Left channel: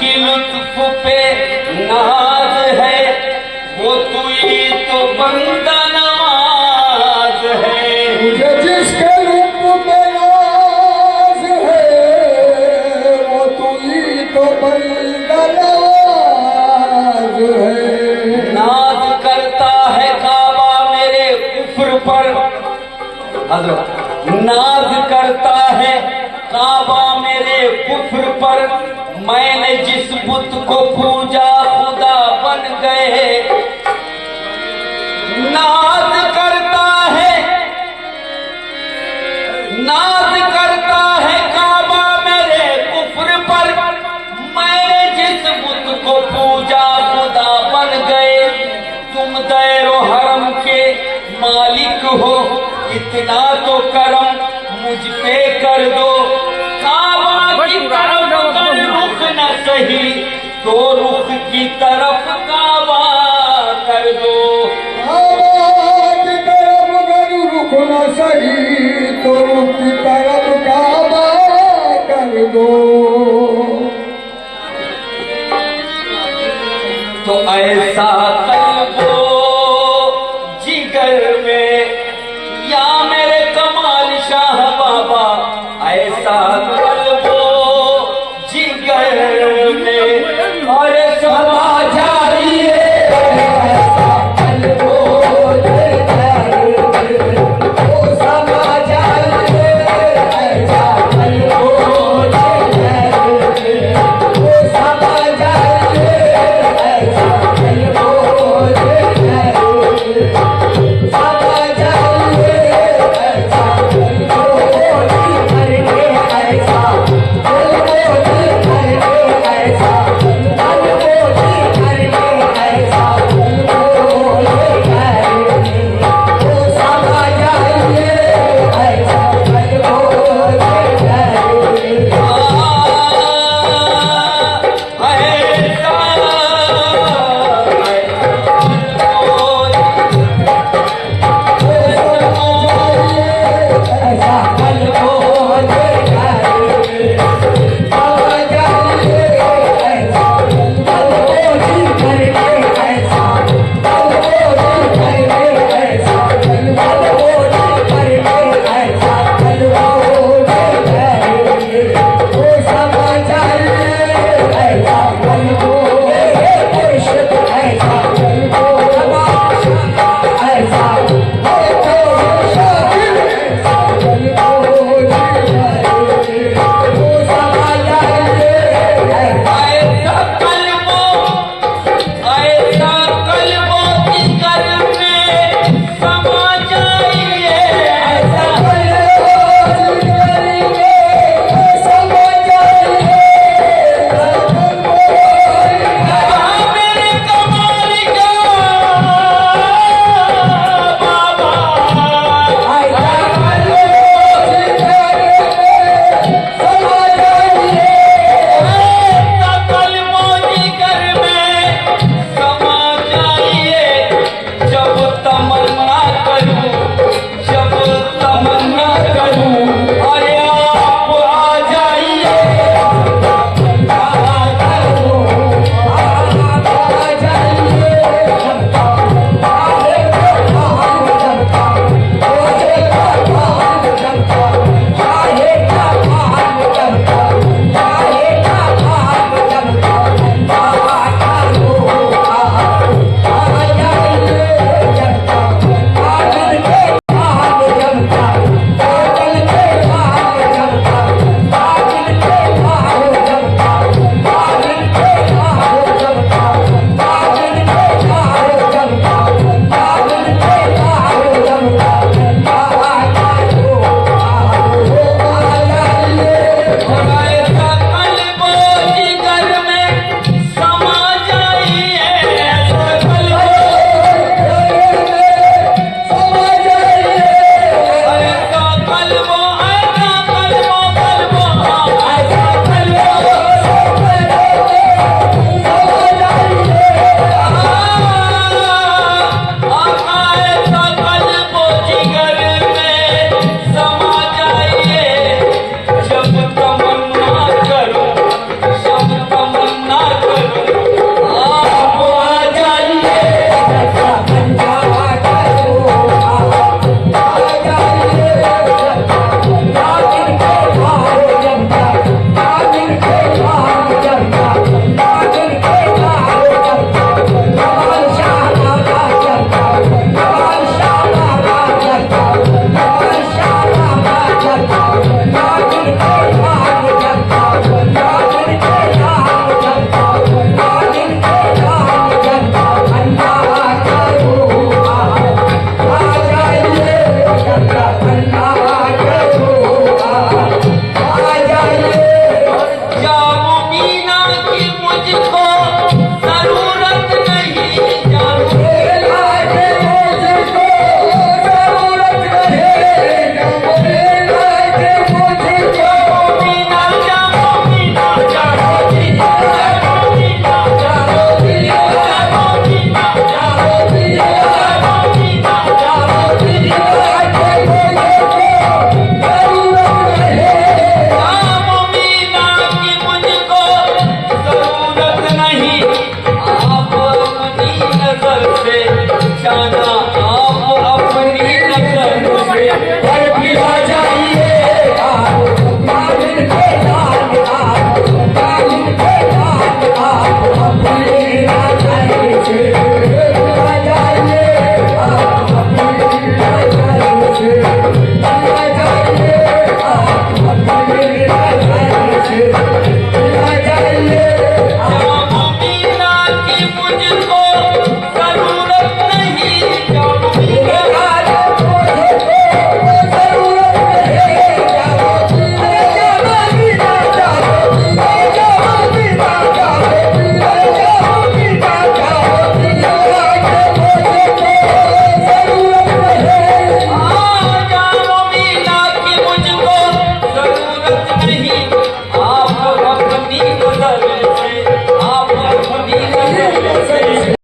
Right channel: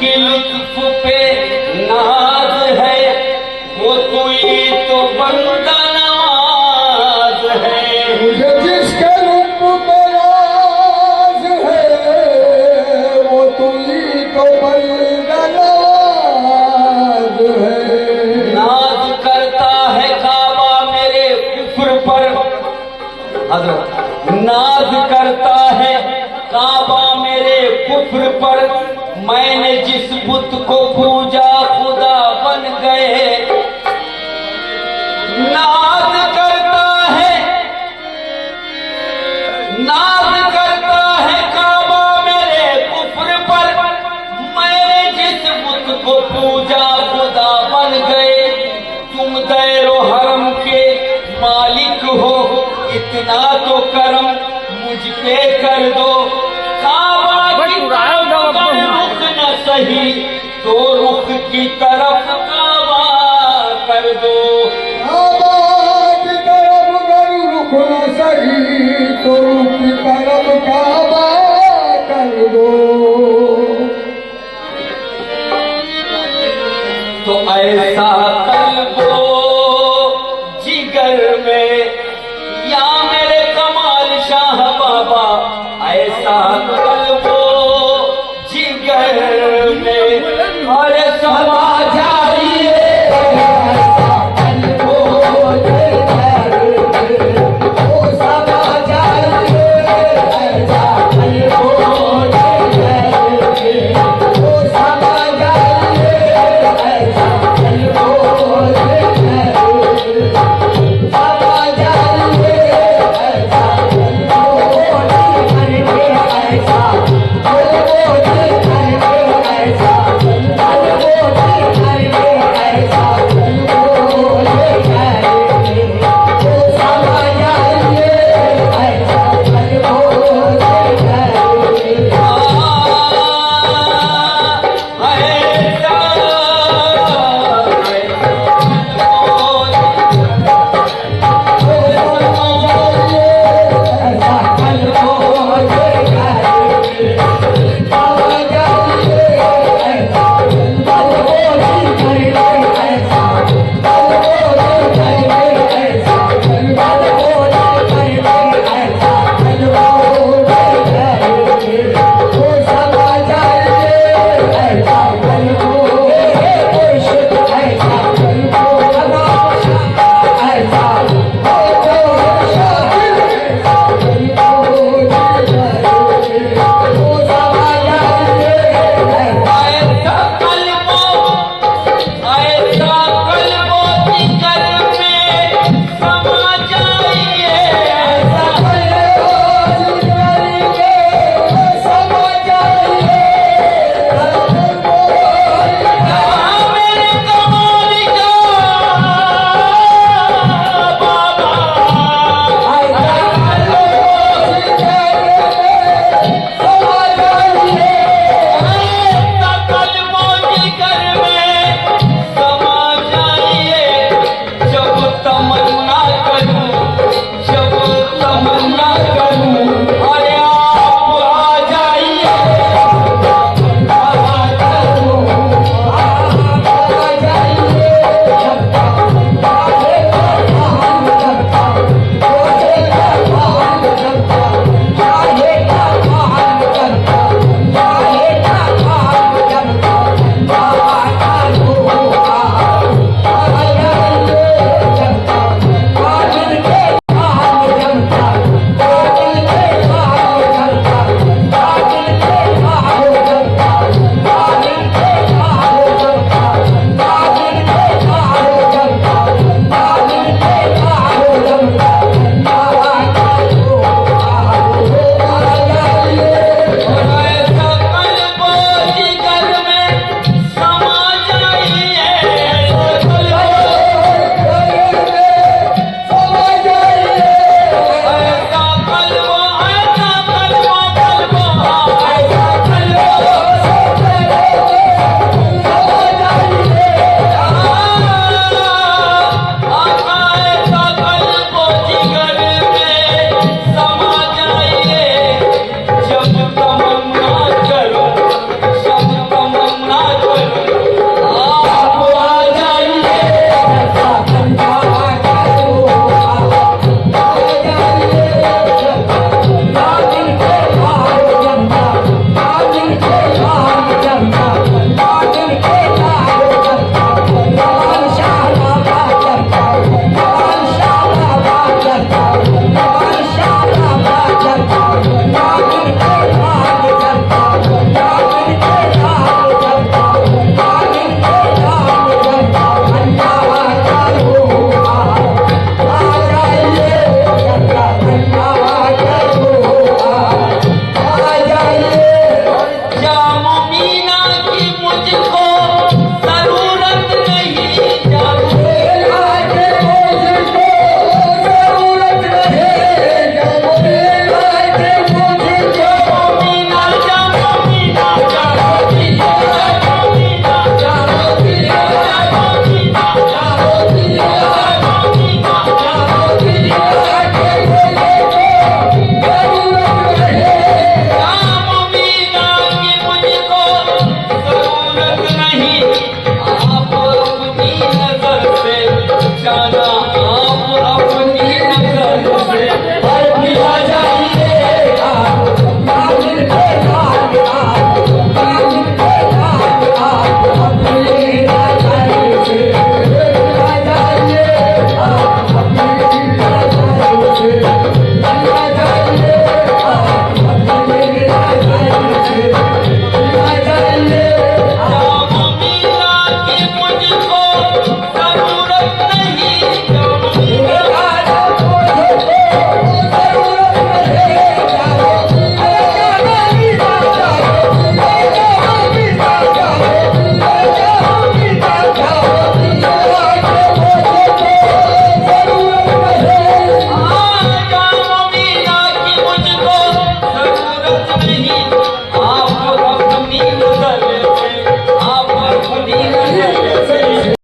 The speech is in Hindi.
जिसकी लुत्फ पे नाज है वो तो ये तो बंदा नवाज है। मुझे जिसके लुत्फ पे नाज है वो तो ये तो बंदा नवाज है। नाज करता है काबा मेरे कुफ्र पर, हजरत नाज करता है काबा मेरे कुफ्र पर, मैंने जिस बुत को पूजा खुदा बन गए। नाज करता है, नाज करता है काबा मेरे कुफ्र पर, मैंने जिस बुत को पूजा खुदा बन गए। तुम दैरो हरम के मालिक हो, इतना तो करम मुझ पे कर दो। काबा की तरफ अगर रुख न सही तो रुख की तरफ